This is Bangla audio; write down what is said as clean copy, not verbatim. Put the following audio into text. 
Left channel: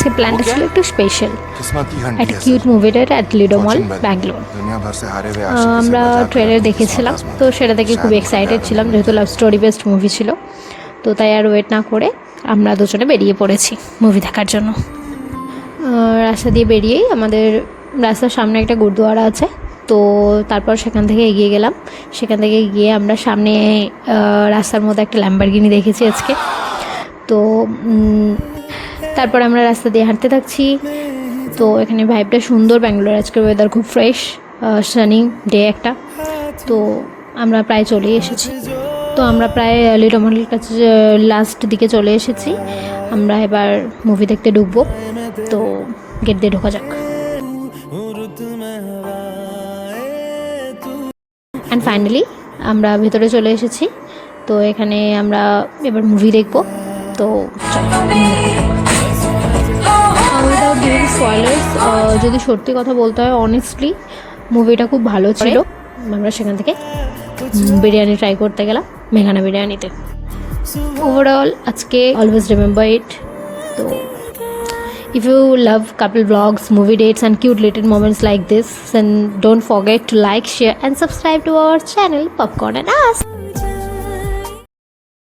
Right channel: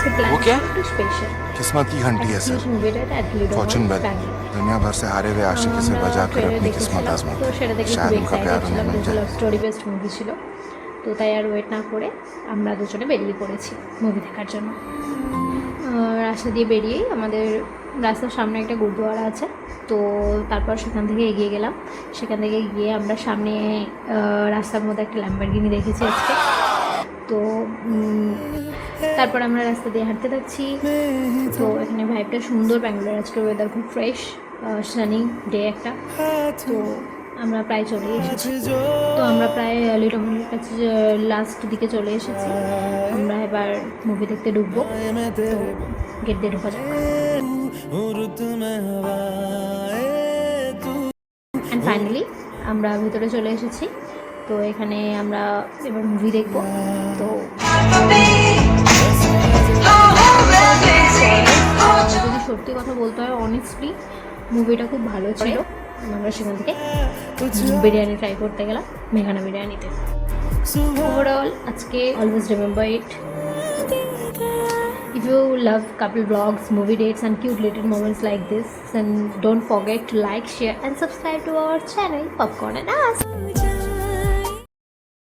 আজকে প্ল্যানটা ছিল একটু স্পেশাল, किस्मत की घंटी একটা है cute sir. Movie date at Lido mall fortune bell Bangalore. दुनिया भर से हारे हुए आशिकी से আমরা बचा कर ট্রেলার अपनी किस्मत দেখেছিলাম, তো आजमाते সেটা দেখে शायद খুব उनका এক্সাইটেড प्यार ছিলাম, उन्हें मिल যেহেতু লাভ जाए। স্টোরি বেসড মুভি ছিল। তো তাই আর ওয়েট না করে আমরা দুজনে বেরিয়ে পড়েছি মুভি দেখার জন্য। রাস্তা দিয়ে বেরিয়েই আমাদের রাস্তার সামনে একটা গুরুদুয়ারা আছে, তো তারপর সেখান থেকে এগিয়ে গেলাম। সেখান থেকে গিয়ে আমরা সামনে রাস্তার মধ্যে একটা ল্যাম্বরগিনি দেখেছি আজকে। তো তারপর আমরা রাস্তা দিয়ে হাঁটতে থাকছি। তো এখানে ভাইবটা সুন্দর, ব্যাঙ্গালোর আজকের ওয়েদার খুব ফ্রেশ, সানি ডে একটা। তো আমরা প্রায় চলেই এসেছি। তো আমরা প্রায় লিডো মলের কাছে লাস্ট দিকে চলে এসেছি। আমরা এবার মুভি দেখতে ঢুকবো, তো গেট দিয়ে ঢোকা যাক। অ্যান্ড ফাইনালি আমরা ভেতরে চলে এসেছি। তো এখানে আমরা এবার মুভি দেখব। তো যদি সত্যি কথা বলতে হয়, অনেস্টলি মুভিটা খুব ভালো ছিল। আমরা সেখান থেকে বিরিয়ানি ট্রাই করতে গেলাম, মেঘানা বিরিয়ানিতে। ওভারঅল আজকে অলওয়েজ রিমেম্বার ইট। তো if you love couple vlogs, movie dates and cute little moments like this, then don't forget to like, share and subscribe to our channel Popcorn and Us.